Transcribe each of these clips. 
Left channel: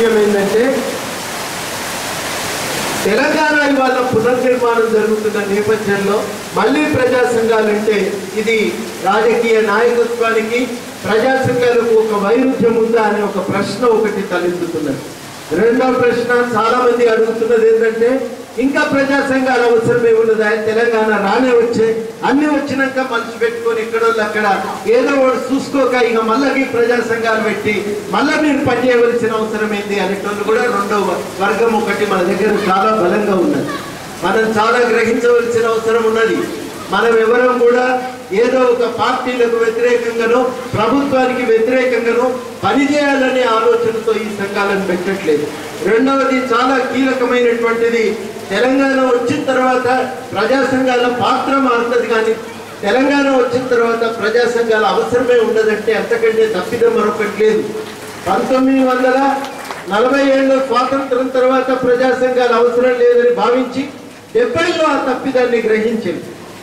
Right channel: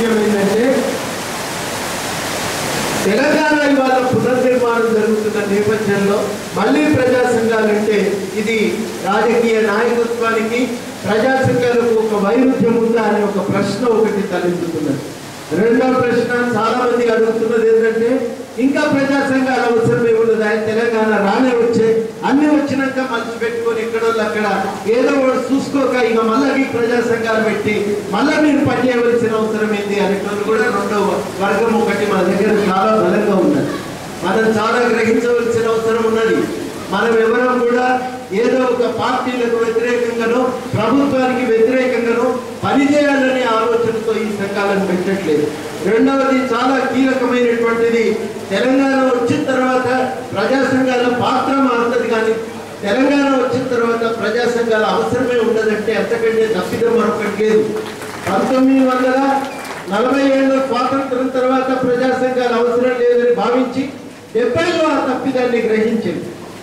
విషయం ఏంటంటే తెలంగాణ ఇవాళ పునర్నిర్మాణం జరుగుతున్న నేపథ్యంలో మళ్ళీ ప్రజా సంఘాలంటే ఇది రాజకీయ నాయకత్వానికి ప్రజా సంఘాలకు ఒక వైరుధ్యం ఉందా అనే ఒక ప్రశ్న ఒకటి తలెత్తుతున్నది. రెండవ ప్రశ్న చాలా మంది అడుగుతున్నది ఏంటంటే ఇంకా ప్రజా సంఘాల అవసరమే ఉన్నది. తెలంగాణ రానే వచ్చే అన్ని వచ్చినాక మనిషి పెట్టుకొని ఎక్కడోళ్ళు అక్కడ ఏదో ఒకటి చూసుకోక ఇక మళ్ళీ ప్రజా సంఘాలు పెట్టి మళ్ళీ మీరు పనిచేయవలసిన అవసరం ఏంటి అనేటోళ్ళు కూడా రెండవ వర్గం ఒకటి మన దగ్గర చాలా బలంగా ఉన్నది. మనం చాలా గ్రహించవలసిన అవసరం ఉన్నది. మనం ఎవరం కూడా ఏదో ఒక పార్టీలకు వ్యతిరేకంగానో ప్రభుత్వానికి వ్యతిరేకంగానో పనిచేయాలనే ఆలోచనతో ఈ సంఘాలను పెట్టట్లేదు. రెండవది చాలా కీలకమైనటువంటిది, తెలంగాణ వచ్చిన తర్వాత ప్రజా సంఘాల పాత్ర మారుతుంది, కానీ తెలంగాణ వచ్చిన తర్వాత ప్రజా సంఘాల అవసరమే ఉండదంటే అంతకంటే తప్పిదం మరొకటి లేదు. 1947 స్వాతంత్రం తర్వాత ప్రజా సంఘాల అవసరం లేదని భావించి 70లో ఆ తప్పిదాన్ని గ్రహించి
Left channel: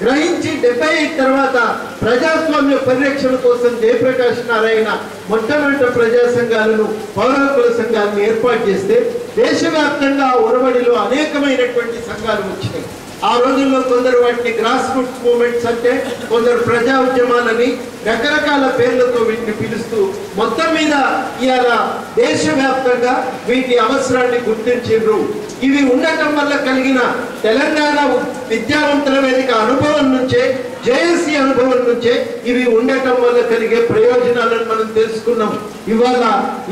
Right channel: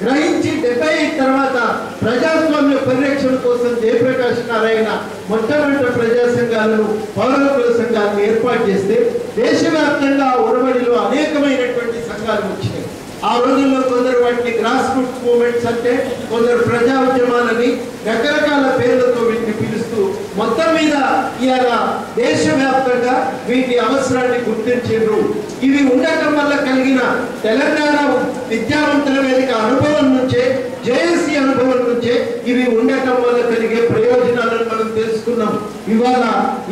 75 తర్వాత ప్రజాస్వామ్య పరిరక్షణ కోసం జయప్రకాష్ నారాయణ మొట్టమొదటి ప్రజా సంఘాలను పౌరకుల సంఘాలను ఏర్పాటు చేస్తే దేశవ్యాప్తంగా ఒరవడిలో అనేకమైనటువంటి సంఘాలు వచ్చినాయి. ఆ రోజుల్లో కొందరు వాటిని గ్రాస్ రూట్స్ మూవ్మెంట్స్ అంటే, కొందరు ప్రజా ఉద్యమాలని రకరకాల పేర్లతో వీటిని పిలుస్తూ మొత్తం మీద ఇవాళ దేశవ్యాప్తంగా వీటి అవసరాన్ని గుర్తించారు. ఇవి ఉండటం వల్ల కలిగిన తెలంగాణ విద్యావంతుల వేదిక అనుభవం నుంచే, జేఏసీ అనుభవం నుంచే ఇవి ఉండటం వల్ల కలిగే ప్రయోజనాలను మనం తెలుసుకున్నాం. ఇవాళ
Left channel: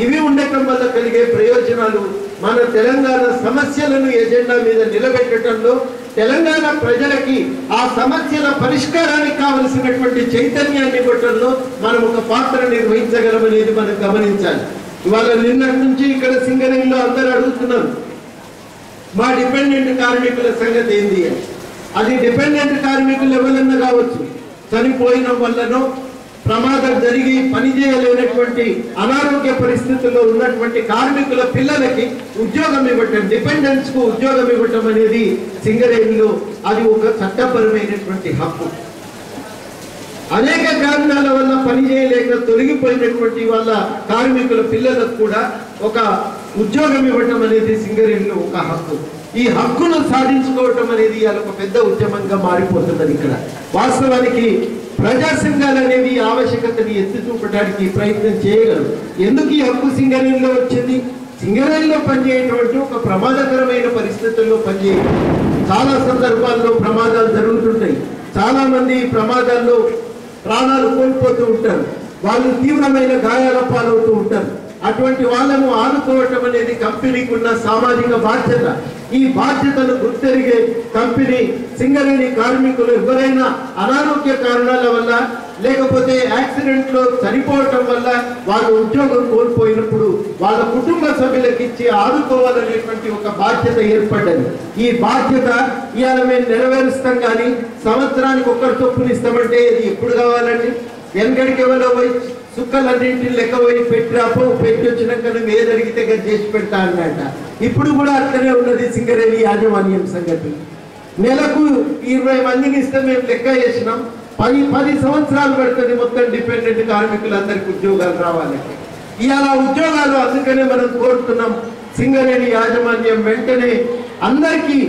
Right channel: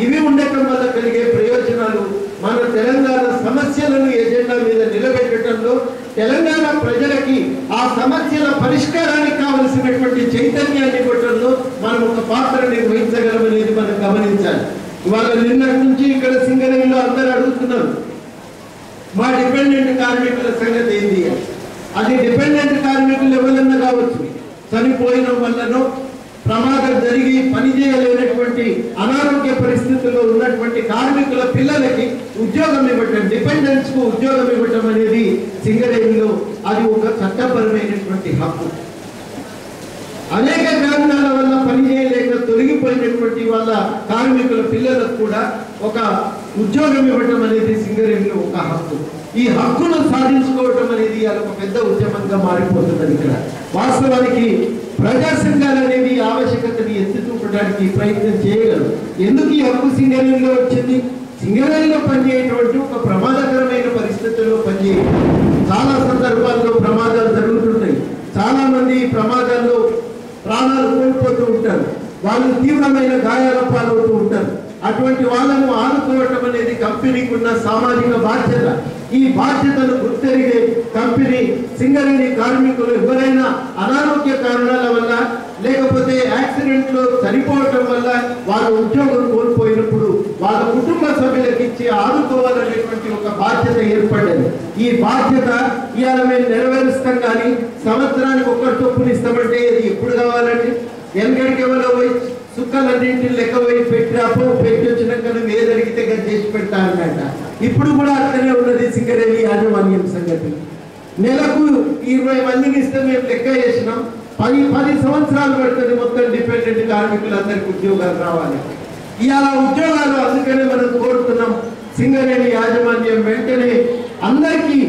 ఇవి ఉండటం వల్ల కలిగే ప్రయోజనాలు మన తెలంగాణ సమస్యలను ఎజెండా మీద నిలబెట్టడంలో, తెలంగాణ ప్రజలకి ఆ సమస్యల పరిష్కారానికి కావలసినటువంటి చైతన్యాన్ని ఇవ్వటంలో మనం ఒక పాత్ర నిర్వహించగలమనేది మనం గమనించాలి. ఇవాళ నిన్నటి నుంచి ఇక్కడ సింగరేణిలో అందరూ అడుగుతున్నారు, మా డిపెండెంట్ కార్మికుల సంగతి ఏంది? అది డిపెండెంట్ కార్మికులు ఎవరన్నా కావచ్చు, చనిపోయిన వల్లనో ప్రమాదం జరిగి పనిచేయలేనటువంటి అనారోగ్య పరిస్థితుల్లో ఉన్నటువంటి కార్మికుల పిల్లలకి ఉద్యోగం ఇవ్వటం, డిపెండెంట్స్ కు ఉద్యోగం ఇవ్వటం అనేది సింగరేణిలో అది ఒక చట్టపరమైనటువంటి హక్కు. అనేక కారణాల వల్ల పనిచేయలేక తొలగిపోయినటువంటి వాళ్ళ కార్మికుల పిల్లలకు కూడా ఒక ఉద్యోగం ఇవ్వటం అనేది సింగరేణిలో ఒక హక్కు. ఈ హక్కును సాధించుకోవటం అనేది ఒక పెద్ద ఉద్యమంగా మారిపోతున్నది. ఇక్కడ వాస్తవానికి ప్రజా సంఘాలు అనేవి ఆవశ్యకతని ఎత్తి చూపడానికి ప్రయత్నం చేయగలరు. ఎందుకు ఈ హక్కు సింగరేణిలో వచ్చింది? సింగరేణిలో పనిచేయటువంటి ఒక ప్రమాదకరమైన పరిస్థితుల్లో పనిచేయడం, చాలా సందర్భాల్లో ప్రమాదాలు జరుగుతుంటాయి. చాలా మంది ప్రమాదాల్లో ప్రాణాలు కోల్పోతూ ఉంటారు, వాళ్ళు తీవ్రమైన గాయాల పాలవుతూ ఉంటారు. అటువంటి వాళ్ళను ఆదుకోవటం అనేది కంపెనీకి ఉన్న సామాజిక బాధ్యత. ఈ బాధ్యతను గుర్తెరిగే కంపెనీ సింగరేణి కార్మికులు ఎవరైనా అనారోగ్య కారణాల వల్ల లేకపోతే యాక్సిడెంట్ లో చనిపోవటం వల్ల వాళ్ళ ఉద్యోగం కోల్పోయినప్పుడు వాళ్ళ కుటుంబ సభ్యులకు ఇచ్చి ఆదుకోవాలనేటువంటి ఒక బాధ్యత ఏర్పడ్డది. ఈ బాధ్యత ఇవాళ మేము నెరవేరుస్తాం, కానీ సంవత్సరానికి ఒక్కరి చొప్పున ఇస్తామంటే ఇది ఎప్పుడు కావాలండి? వెనకడికి ఎవరో పోయి సుక్కలన్నింటిని లెక్క పోయి పెట్టి పెట్టి వచ్చినాక నువ్వు ఏది అడిగితే చేసి పెడతా అన్నట. ఇప్పుడు కూడా అట్లనే ఉన్నది సింగరేణి యాజమాన్యం సంగతి. నెలకు 20 మందిని ఇస్తే మేము లెక్క చేసినాం, 10 సంవత్సరాలు పడుతుంది మొత్తం డిపెండెంట్ కార్మికులందరికీ ఉద్యోగాలు రావాలంటే. ఇవాళ ఉద్యోగాలు అందుకనే మనం కోరుతున్నాం సింగరేణి యాజమాన్యం వెంటనే అందరికీ.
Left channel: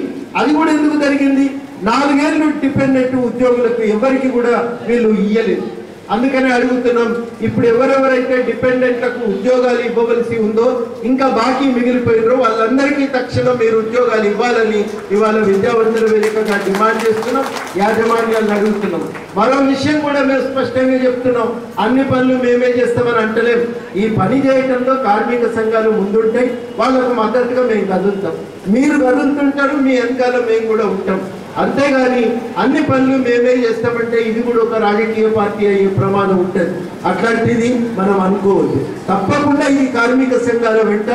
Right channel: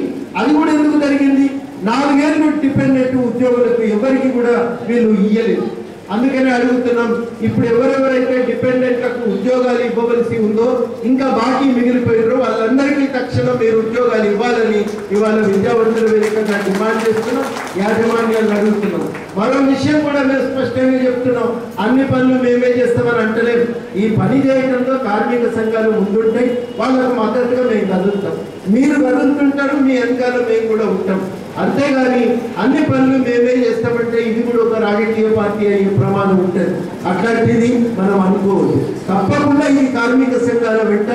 అది కూడా ఎందుకు జరిగింది? 4 ఏళ్ళు డిపెండెంట్ ఉద్యోగులకు ఎవరికి కూడా వీళ్ళు ఇయ్యలేదు. అందుకనే అడుగుతున్నాం, ఇప్పుడు ఎవరెవరైతే డిపెండెంట్లకు ఉద్యోగాలు ఇవ్వవలసి ఉందో, ఇంకా బాకీ మిగిలిపోయినారో వాళ్ళందరికీ తక్షణం మీరు ఉద్యోగాలు ఇవ్వాలని ఇవాళ విద్యావంతుల వేదికగా డిమాండ్ చేస్తున్నాం, యాజమాన్యాలను అడుగుతున్నాం. మరో విషయం కూడా మేము స్పష్టంగా చెప్తున్నాం, అన్ని పనులు మేమే చేస్తామని అంటలేము. ఈ పని చేయడంలో కార్మిక సంఘాలు ముందుంటాయి, వాళ్ళకు మద్దతుగా మేము కదులుతాం. మీరు కదులుతుంటారు, మీ వెనకాల మేము కూడా ఉంటాం. అంతేగాని అన్ని పనులు మేమే చేస్తామంటే ఇది కూడా ఒక రాజకీయ పార్టీ అయ్యే ప్రమాదం ఉంటుంది. అట్లాంటిది మనం అనుకోవద్దు. తప్పకుండా ఈ కార్మిక సంఘాల వెంట,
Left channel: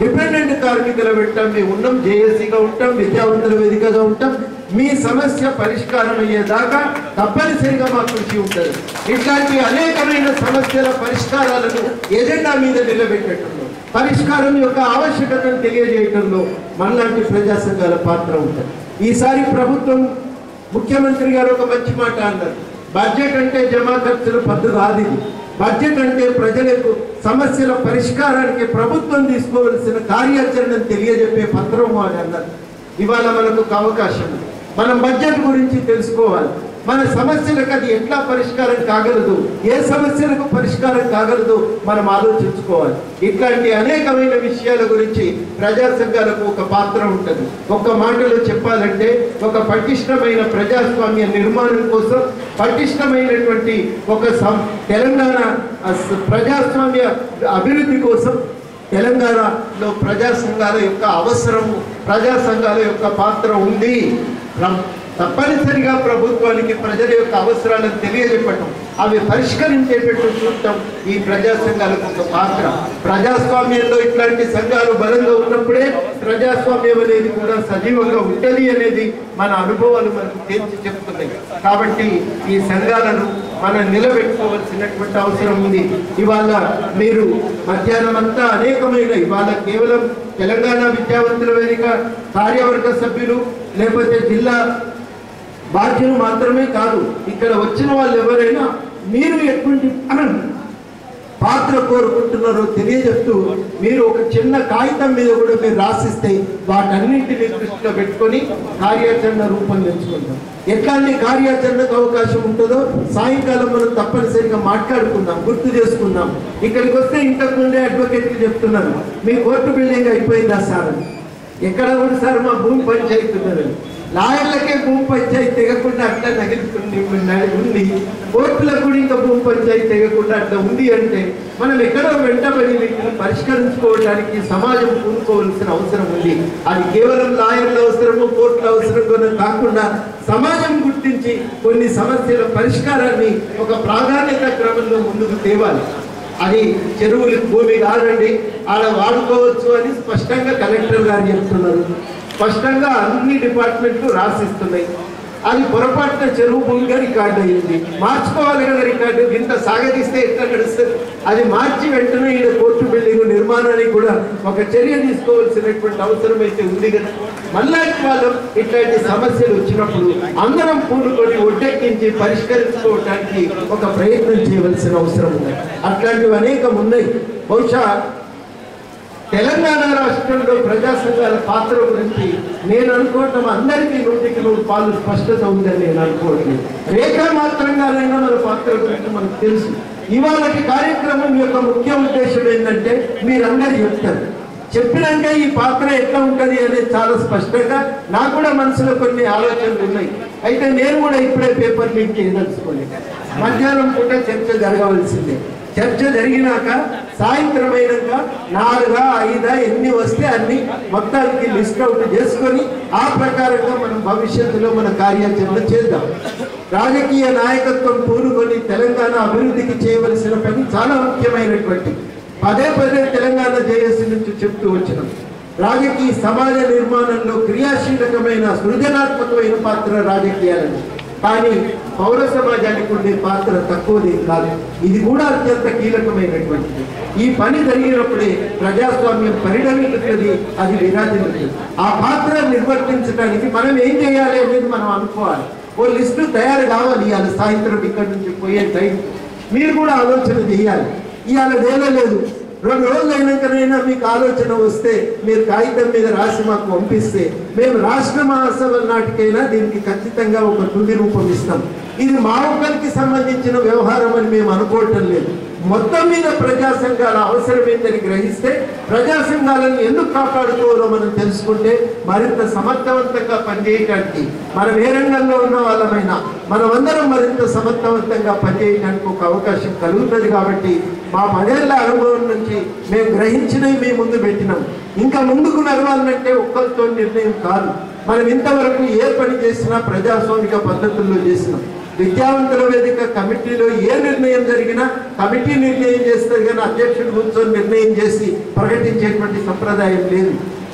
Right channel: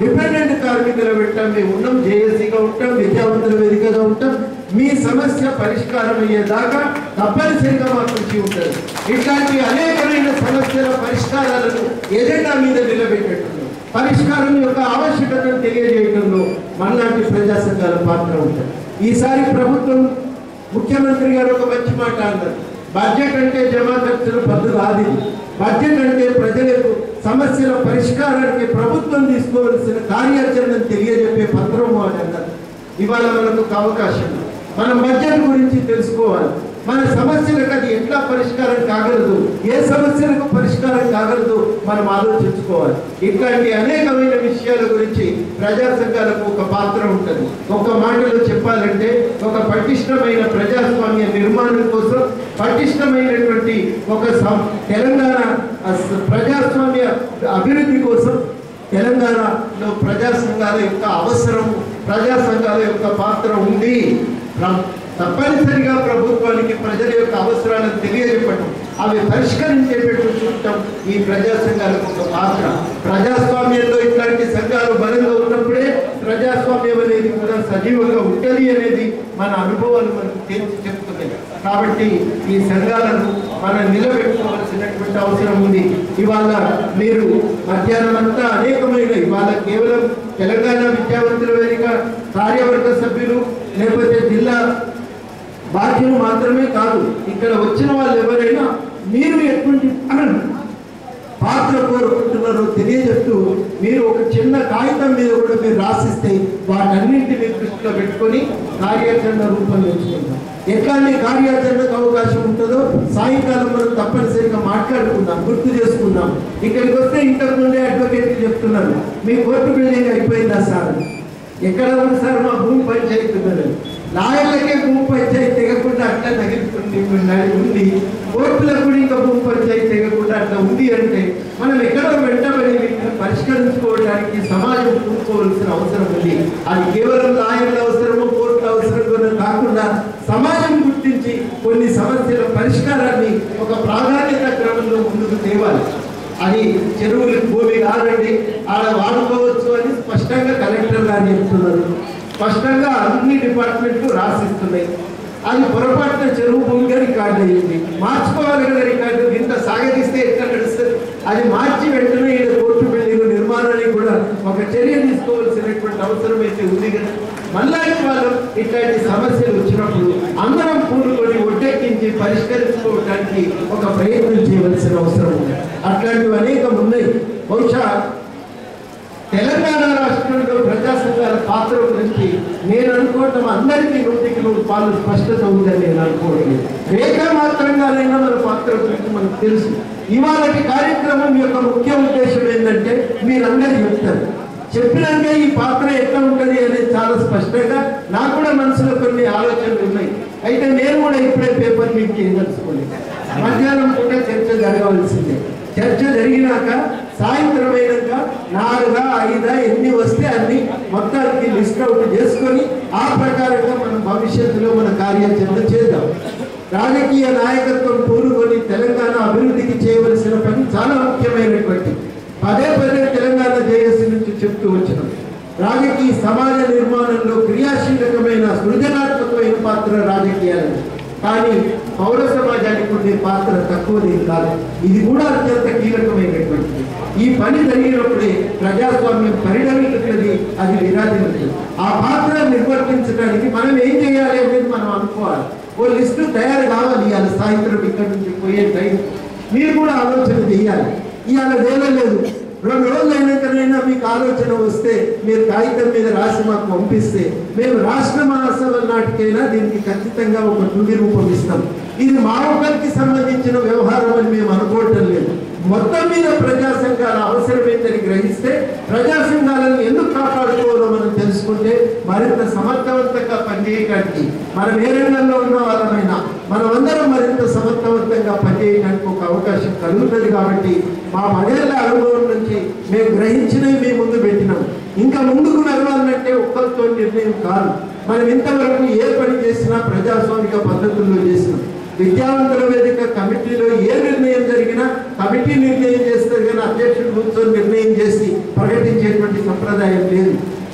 డిపెండెంట్ కార్మికుల వెంట మేము ఉన్నాం, జేఏసీగా ఉంటాం, విద్యావంతుల వేదికగా ఉంటాం. మీ సమస్య పరిష్కారం అయ్యేదాకా తప్పనిసరిగా మా కృషి ఉంటుంది. ఇట్లాంటి అనేకమైన సమస్యల పరిష్కారాలను ఎజెండా మీద నిలబెట్టడంలో, పరిష్కారం యొక్క ఆవశ్యకతను తెలియజేయడంలో మనలాంటి ప్రజా సంఘాల పాత్ర ఉంటుంది. ఈసారి ప్రభుత్వం ముఖ్యమంత్రి గారు ఒక మంచి మాట అన్నారు, బడ్జెట్ అంటే జమా ఖర్చుల పద్దు కాదు. బడ్జెట్ అంటే ప్రజలకు సమస్యల పరిష్కారానికి ప్రభుత్వం తీసుకోవాల్సిన కార్యాచరణను తెలియజెప్పే పత్రం అని అన్నారు. ఇవాళ మనకు ఒక అవకాశం, మనం బడ్జెట్ గురించి తెలుసుకోవాలి. మన సమస్యలకు అది ఎట్లా పరిష్కారం కాగలదు, ఏ సమస్యలకు పరిష్కారం కాగలదు మనం ఆలోచించుకోవాలి. ఇట్లాంటి అనేకమైన విషయాల గురించి ప్రజా సంఘాలకు ఒక పాత్ర ఉంటుంది. ఒక్క మాటలో చెప్పాలంటే ఒక పటిష్టమైన ప్రజాస్వామ్య నిర్మాణం కోసం, పటిష్టమైనటువంటి ఒక తెలంగాణ ప్రజాస్వామ్య అభివృద్ధి కోసం తెలంగాణలో ప్రజా సంఘాల యొక్క అవసరము, ప్రజా సంఘాల యొక్క పాత్ర ఉంది. తప్పనిసరిగా ప్రభుత్వానికి ప్రజల యొక్క అవసరాలను తెలియజెప్పటం, అవి పరిష్కరించేటట్టు చూడటం ఈ ప్రజా సంఘాలకు ఒక పాత్ర. ప్రజాస్వామ్యంలో ఇట్లాంటి సంఘాలు బలంగా ఉన్నప్పుడే ప్రజాస్వామ్యం అనేది కూడా సజీవంగా ఉంటుంది అనేది మన అనుభవాలు మనకు తేల్చి చెప్తున్నాయి. కాబట్టి ఈ సంఘాలను మనం నిలబెట్టుకోవాల్సినటువంటి అవసరం ఉంది. ఇవాళ మీరు మధ్యాహ్నం అంతా అనేకమైన, ఇవాళ కేవలం తెలంగాణ విద్యావంతుల వేదిక కార్యవర్గ సభ్యులు లేకపోతే జిల్లా బాధ్యులు మాత్రమే కాదు, ఇక్కడ వచ్చిన వాళ్ళు ఎవరైనా మీరు ఎటువంటి పాత్ర కోరుకుంటున్నారో తెలియజేస్తూ మీరు ఒక చిన్న కాగితం మీద కూడా మీరు రాసిస్తే వాటన్నింటినీ దృష్టిలో పెట్టుకొని కార్యాచరణ రూపొందించుకుంటాం. ఎట్లాంటి కార్యాచరణకు అవకాశం ఉంటుందో సాయంకాలం మనం తప్పనిసరిగా మాట్లాడుకుందాం, గుర్తు చేసుకుందాం. ఇక్కడికి వస్తే ఇంతకు ముందే అడ్వకేట్కి చెప్తున్నాను, మీ కోర్టు బిల్డింగ్ అయిపోయిందా సార్? ఎక్కడ ఉంది సార్? మా భూమి పంచాయతీ ఉన్నది. లాయర్లకే భూమి పంచాయతీ తెగకుండా అట్లా ఉంది, కోర్టులకు కూడా ఇంకా భూమి పంచాయతీ తెగకుండా అట్లా ఉంది అంటే మనం ఎక్కడో వెంటబడి వీటిని పరిష్కరించుకోవడానికి సమాజం కూడుకోవాల్సిన అవసరం ఉంది. అది కేవలం లాయర్ల అవసరము, కోర్టుల అవసరం కాకుండా సమాజం గుర్తించి కొన్ని సమస్యల పరిష్కారాన్ని ఒక ప్రాధాన్యత క్రమంలో ముందుకు తేవాలి. అది చెరువులు భూమి కాదండి, ఆడ వాడుకోవచ్చు అని స్పష్టంగా కలెక్టర్ గారు చెప్తున్నారు, స్పష్టంగా అన్ని డిపార్ట్మెంట్లు రాసిస్తున్నాయి. అది పొరపాటున చెరువు భూమిగా రికార్డు అయ్యింది, మార్చుకోవాలి కదా రికార్డు. ఇంత సాగదీస్తే ఎట్లా నడుస్తుంది? అది మార్చి వెంటనే ఈయన కోర్టు బిల్డింగ్ నిర్మాణానికి కూడా ఒక చర్య తీసుకోవాల్సినటువంటి అవసరం అయితే ఉంది కదా. మళ్ళా వాళ్ళు ఇట్లాంటి సమస్యలు వచ్చినప్పుడు అందరం పూనుకొని ఒడ్డెక్కించి పరిష్కరించుకోవడానికి ఒక ప్రయత్నం చేయవలసిన అవసరం ఉంది. అట్లాంటివి అనేకం ఉన్నాయి. బహుశా తెలంగాణ రాష్ట్రంలో ప్రజా సంఘాల పాత్ర గురించి నేను అనుకోవటం అందరికీ 100% స్పష్టత ఉందని నేను అనుకోవట్లేదు. రేఖా మాత్రంగానైనా మన పాత్ర గురించి మనకు తెలుసు. ఇవాళ కార్యక్రమం యొక్క ముఖ్య ఉద్దేశం ఏంటంటే మీరందరూ చెప్తారు, చెప్పినాక ఈ పాత్ర ఎట్లా ఉంటుంది అనేది చాలా స్పష్టంగా నాకు కూడా మనసులో కొన్ని ఆలోచనలు ఉన్నాయి. అయితే నేను కూడా ఇప్పుడే పేపర్ లీక్ చేయదలుచుకోలేదు. మధ్యాహ్నం పూట చర్చ జరగవలసిందే. చర్చ జరిగినాక సాయంత్రం అయినాక 4, 5 ఎన్ని వస్తే అన్ని మొత్తానికి లిస్ట్ అవుట్ చేసుకొని ఆ ప్రకారంగా మనం భవిష్యత్తులో మన కార్యాచరణ చేద్దాం. రాజకీయ నాయకత్వం పూనుకొని తెలంగాణ అభివృద్ధికి చేయవలసిన పని చాలా ముఖ్యమైనటువంటి, పదే తెలంగాణ జేఏసీ నుంచి చెప్తూ వచ్చినాం. రాజకీయ సమాజ నిర్మాణంలో క్రియాశీలకమైన సృజనాత్మకమైన పాత్ర రాజకీయాలని, కానీ పౌర సమాజానికి ఉండే పాత్ర తక్కువది కాదు. ఇది కూడా అత్యంత కీలకమైనటువంటిది. ఈ పని జరిగినప్పుడే ప్రజాస్వామ్యం పరిణమిస్తుంది, అది విరాజిల్లుతుంది. ఆ పాత్ర నిర్వర్తించడానికి మనం ఏం చేయాలి అనేది మనం అనుకోవాలి. ఓ లిస్టు తయారు కావాలి. ఇవాళ సాయంత్రం ఇక్కడి నుంచి పోయే టైం మీరు కూడా ఆలోచన చేయాలి. ఇవాళ వేలలేదు, 2 రోజులు అయినాకనైనా మీకు ఆలోచన వస్తే మీరు కాగితం మీద రాసి మాకు పంపిస్తే మేము రాష్ట్ర మహాసభ నాటికైనా దీనికి ఖచ్చితంగా ఒక తుది రూపం ఇస్తాం. ఇది మా ఒక్కరికి సంబంధించిన వ్యవహారం అని మేము అనుకోవటం లేదు. మొత్తం మీద ప్రజా సంఘాల అవసరం ఏంటని గ్రహిస్తే ప్రజా సంఘాలను ఎందుకు కాపాడుకోవాలో మనం తెలుసుకుంటే మరింత సమర్థవంతంగా పనిచేయడానికి, మనం ఏ రంగంలో ఉన్న వాళ్ళమైనా మనమందరం మరింత సమర్థవంతంగా పనిచేయడానికి ఒక అవకాశం కలుగుతుంది. కాబట్టి మా 10 ఏళ్ల అనుభవం నుంచి మేము గ్రహించినవి మీ ముందు పెట్టినాం. ఇంకా ముందుకు నడవాలంటే ఒక్కరితో నిర్ణయం కాదు. మనం ఇంతవరకు ఏ పని చేసినా ప్రజాస్వామిక పద్ధతుల్లో చేసినాం. విద్యావంతుల వేదిక కమిటీలో ఏ నిర్ణయం జరిగినా కమిటీ నిర్ణయం చేస్తారు, కానీ అధ్యక్షుడు కూర్చొని నిర్ణయం చేసి ప్రకటించేటువంటి సంప్రదాయం లేదు.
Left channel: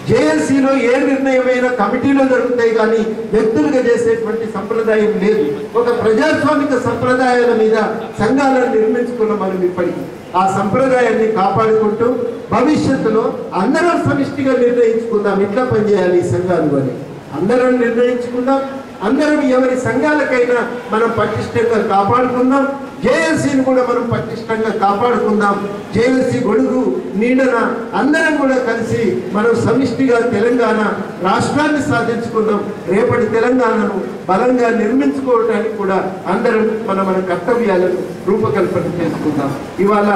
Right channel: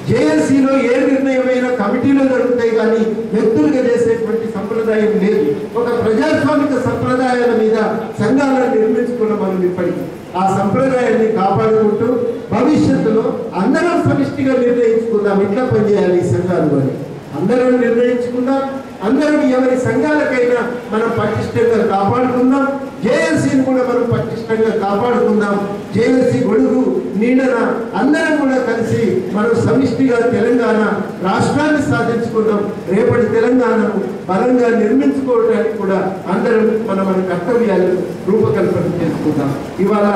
జేఏసీలో ఏ నిర్ణయమైనా కమిటీలో జరుగుతాయి, కానీ వ్యక్తులుగా చేసేటువంటి సంప్రదాయం లేదు. ఒక ప్రజాస్వామిక సంప్రదాయాల మీద సంఘాలను నిర్మించుకున్న మనం ఇప్పటికీ ఆ సంప్రదాయాన్ని కాపాడుకుంటూ భవిష్యత్తులో అందరం సమిష్టిగా నిర్ణయించుకుందాం ఎట్లా పనిచేయాలి ఈ సంఘాలు అని. అందరం నిర్ణయించుకుందాం, అందరం ఎవరి సంఘాలకైనా మనం పటిష్టంగా కాపాడుకుందాం. జేఏసీని కూడా మనం పటిష్టంగా కాపాడుకుందాం. జేఏసీ గొడుగు నీడన అందరం కూడా కలిసి మనం సమిష్టిగా తెలంగాణ రాష్ట్రాన్ని సాధించుకుందాం. రేపటి తెలంగాణను బలంగా నిర్మించుకోవడానికి కూడా అందరం మన కర్తవ్యాలను రూపకల్పన చేసుకుందాం. ఇవాళ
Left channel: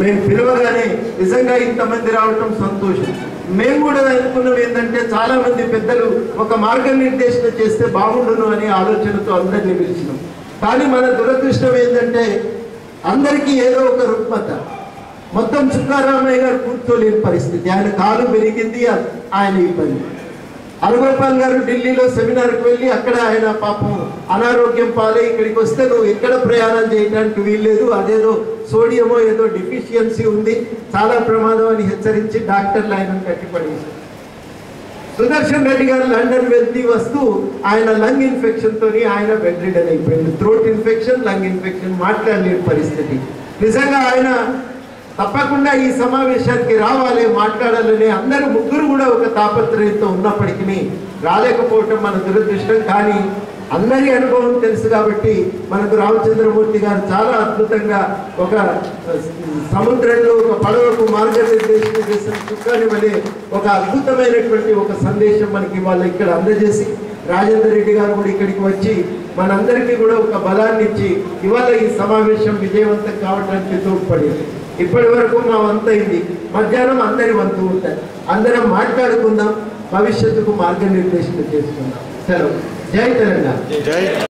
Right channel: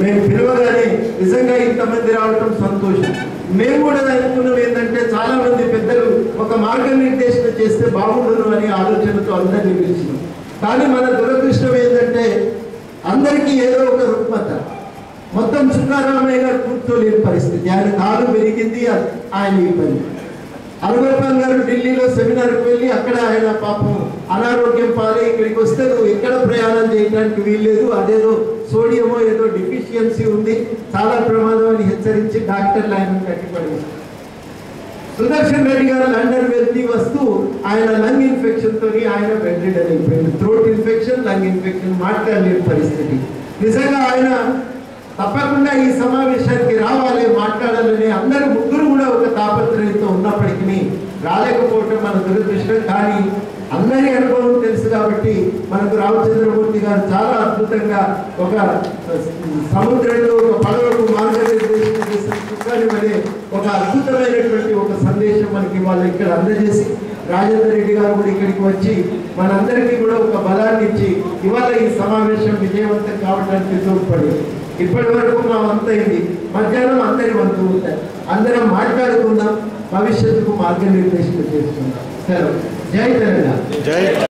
మేము పిలవగానే నిజంగా ఇంతమంది రావటం సంతోషం. మేము కూడా అనుకున్నాం ఏంటంటే చాలా మంది పెద్దలు ఒక మార్గనిర్దేశన చేస్తే బాగుండును అనే ఆలోచనతో అందరినీ పిలిచినాం. కానీ మన దురదృష్టం ఏంటంటే అందరికీ ఏదో ఒక రుగ్మత. మొత్తం చుక్కారామయ్య గారు కూర్చోలేని పరిస్థితి, ఆయన కాలు పెరిగింది, ఆయన ఇబ్బంది. అరగోపాల్ గారు ఢిల్లీలో సెమినార్కి వెళ్ళి అక్కడ ఆయన పాపం అనారోగ్యం పాలై ఇక్కడికి వస్తే నువ్వు ఎక్కడ ప్రయాణం చేయడానికి వీల్లేదు, అదేదో సోడియమో ఏదో డిఫిషియన్సీ ఉంది, చాలా ప్రమాదం అని హెచ్చరించి డాక్టర్లు ఆయన కట్టిపడేశారు. సుదర్శన్ రెడ్డి గారు లండన్ వెళ్తూ వస్తూ ఆయన లంగ్ ఇన్ఫెక్షన్ తోని ఆయన బెడ్ రిడన్ అయిపోయింది. థ్రోట్ ఇన్ఫెక్షన్, లంగ్ ఇన్ఫెక్షన్, మాట్లాడలేని పరిస్థితి. నిజంగా ఆయన తప్పకుండా ఈ సమావేశానికి రావాలి, మాట్లాడాలని అందరూ ముగ్గురు కూడా ఒక తాపత్రయంతో ఉన్నప్పటికీ రాలేకపోవటం మన దురదృష్టం. కానీ అందరి అనుభవం తెలుసు కాబట్టి మనకు రామచంద్రమూర్తి గారు చాలా అద్భుతంగా ఒక సముద్రంలో ఒక పడవకు మార్గనిర్దేశం చేసిన చుక్కాని వలె ఒక అద్భుతమైనటువంటి ఒక సందేశం మనకి వాళ్ళు ఇక్కడ అందజేసి, రాజేందర్ రెడ్డి గారు కూడా ఇక్కడికి వచ్చి మనందరికీ కూడా ఒక బలాన్ని ఇచ్చి ఇవాళ ఈ సమావేశం విజయవంతం కావడానికి తోడ్పడింది. ఇప్పటి వరకు మా వంతు అయింది, మధ్యాహ్నం అందరి వంతు ఉంటాయి. అందరం మాట్లాడుకుందాం, భవిష్యత్తుకు మార్గనిర్దేశం చేసుకుందాం. సెలవు. జై తెలంగాణ.